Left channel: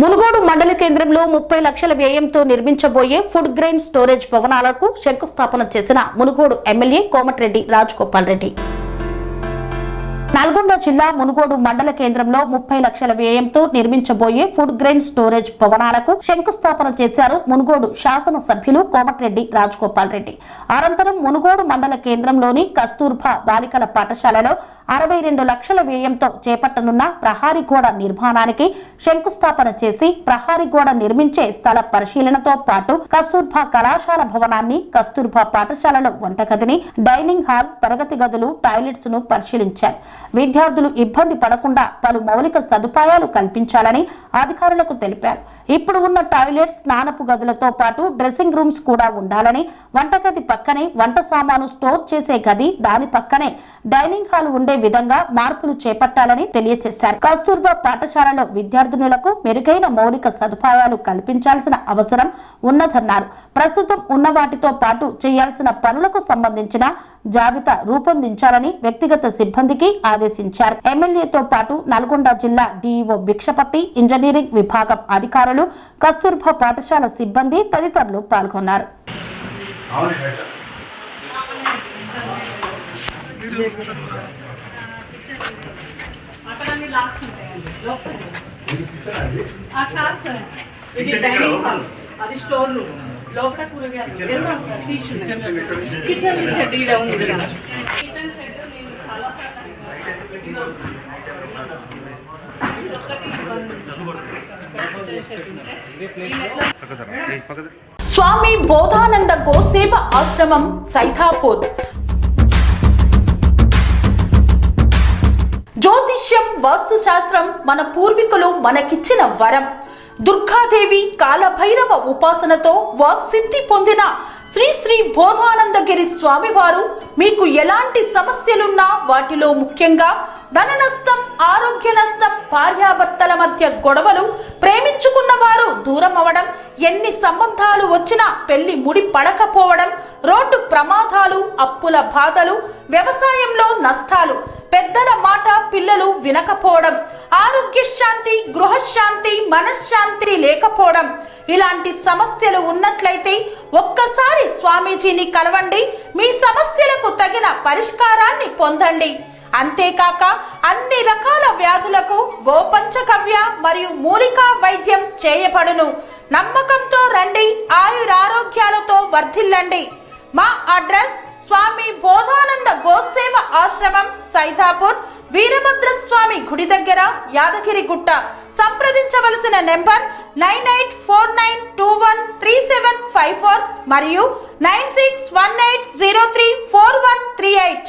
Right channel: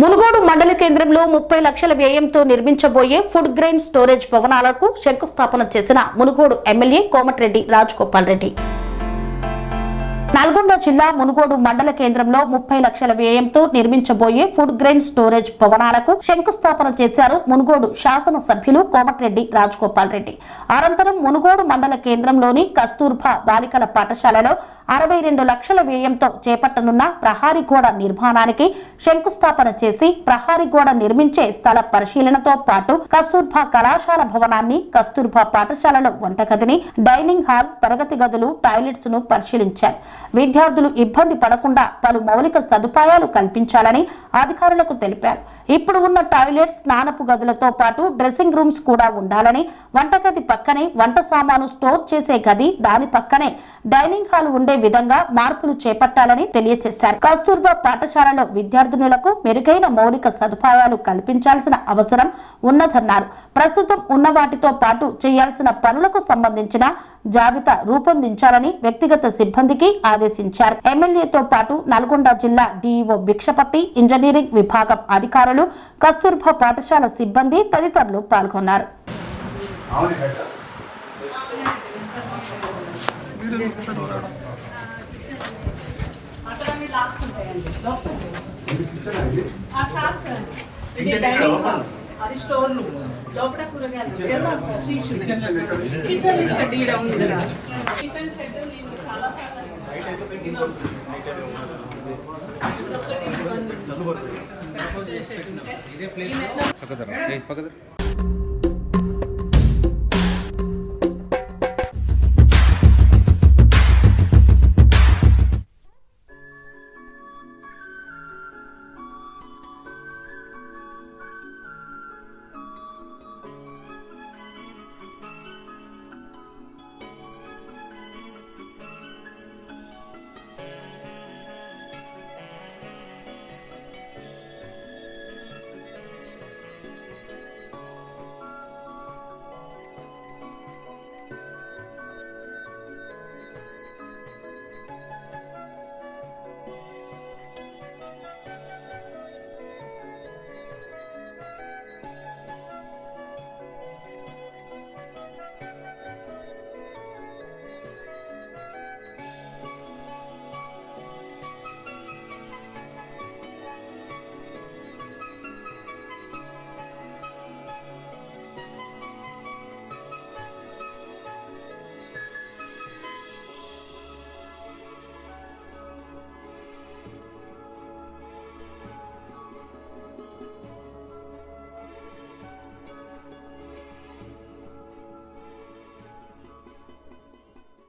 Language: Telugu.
మునుగోడు మండల కేంద్రంలో 30 లక్షల వ్యయంతో నిర్మించబోయే ఫుడ్ గ్రెయిన్ స్టోరేజ్ భవనాలకు శంకుస్థాపన చేసిన మునుగోడు ఎమ్మెల్యే కోమటిరెడ్డి రాజగోపాల్ రెడ్డి. నల్గొండ జిల్లా మునుగోడు మండల కేంద్రంలో 30 లక్షల వ్యయంతో నిర్మించబోయే ఫుడ్ గ్రెయిన్ స్టోరేజ్ భవనాలకు శంకుస్థాపన చేశారు మునుగోడు శాసన సభ్యులు కోమటిరెడ్డి రాజగోపాల్ రెడ్డి. అనంతరం మునుగోడు మండల కేంద్రంలోని కస్తూర్బా బాలికల పాఠశాలలో 62 లక్షల వ్యయంతో చేపట్టనున్న ప్రహారీ గోడ నిర్మాణానికి శంకుస్థాపన చేసి ప్రహారీ గోడ నిర్మించే స్థల పరిశీలనతో పాటు కస్తూర్బా కళాశాల భవనాన్ని, కస్తూర్బా పాఠశాలలో వంటగదిని, డైనింగ్ హాల్, తరగతి గదులు, టాయిలెట్స్ ను పరిశీలించారు. విద్యార్థులు ఇబ్బంది పడకుండా పలు మౌలిక సదుపాయాలు కల్పించాలని అధికారులకు తెలిపారు. ఇప్పుడు ఉన్న టాయిలెట్స్, స్నానపు గదులతో పాటు డ్రెస్సింగ్ రూమ్స్ కూడా ఉండాలని, వంటగది పక్కనే వంట సామాను స్టోర్ చేసే గది, దాని పక్కనే డైనింగ్ హాల్ ఉండే విధంగా మార్పులు చేపట్టాలని తెలియజేశారు. కస్తూర్బా పాఠశాలలో విద్యార్థినులకు మెరుగైన మౌలిక సదుపాయాలు కల్పించాల్సిన అవసరం ఉన్నదన్నారు. ప్రస్తుతం ఉన్న వాటితో పాటు చేయాల్సిన పనులకు సంబంధించిన జాబితా రూపొందించాలని వ్యక్తిగత సిబ్బందికి ఆదేశించారు. ఎమ్మెల్యేతో పాటు నల్గొండ జిల్లా డిఈఓ భిక్షపతి, ఇంజనీరింగ్ విభాగం అధికారులు, కస్తూర్బా పాఠశాల సిబ్బంది తదితరులు పాల్గొన్నారు. అది స్టోర్ లోపల కూరగాయలు కిచెన్ షెడ్ ఈడ ఉంది సార్. కిచెన్ షెడ్ నేను చాలా సార్లు స్వామి బోధానంద గోసేవ ఆశ్రమం సైథాపూర్. జ్యోతిష్యం, వాస్తుశాస్త్రం మన పూర్వీకులు మనకిచ్చిన వరం. దుర్గాదేవి, కాలభైరవ ఉపాసనతో వాక్సిద్ధి పొందిన శ్రీ శ్రీ బోధానందగిరి స్వామివారు మీకు ఎలాంటి సమస్యలున్నా, వాటిలో ముఖ్యంగా ధన నష్టం, ఆరోగ్య నష్టం, భార్యాభర్తల మధ్య గొడవలు, ప్రేమించుకున్న వారు దూరం అవడం, ఎన్ని సంబంధాలు వచ్చినా పెళ్లి ముడి పడకపోవడం, రోడ్డు ప్రమాదాలు, అప్పుల బాధలు, వ్యవసాయంలో నష్టాలు, పెద్దల మాట పిల్లలు వినకపోవడం, ఆరోగ్య శాంతి, గృహశాంతి, మనశ్శాంతి లేకపోవడం, ఇలాంటి సమస్యలు ఉన్నట్లయితే ఒక్కసారి స్వామీజీని కలవండి. మీ సమస్యలకు తగిన పరిష్కారాన్ని పొందండి. అంతేకాక అన్ని రకాల వ్యాధులకు గోపంచకవ్య మరియు మూలికా వైద్యం చేయబడును. నమ్మకంతో రండి, ఆయురారోగ్యాలతో వర్ధిల్లండి. మా అడ్రస్ స్వామి బోధానంద గోసేవ ఆశ్రమం, సైథాపూర్, వీరభద్రస్వామి గుడి దగ్గర, యాదగిరిగుట్ట. సంప్రదించవలసిన నెంబర్ 9849213754 మరియు 9618034138.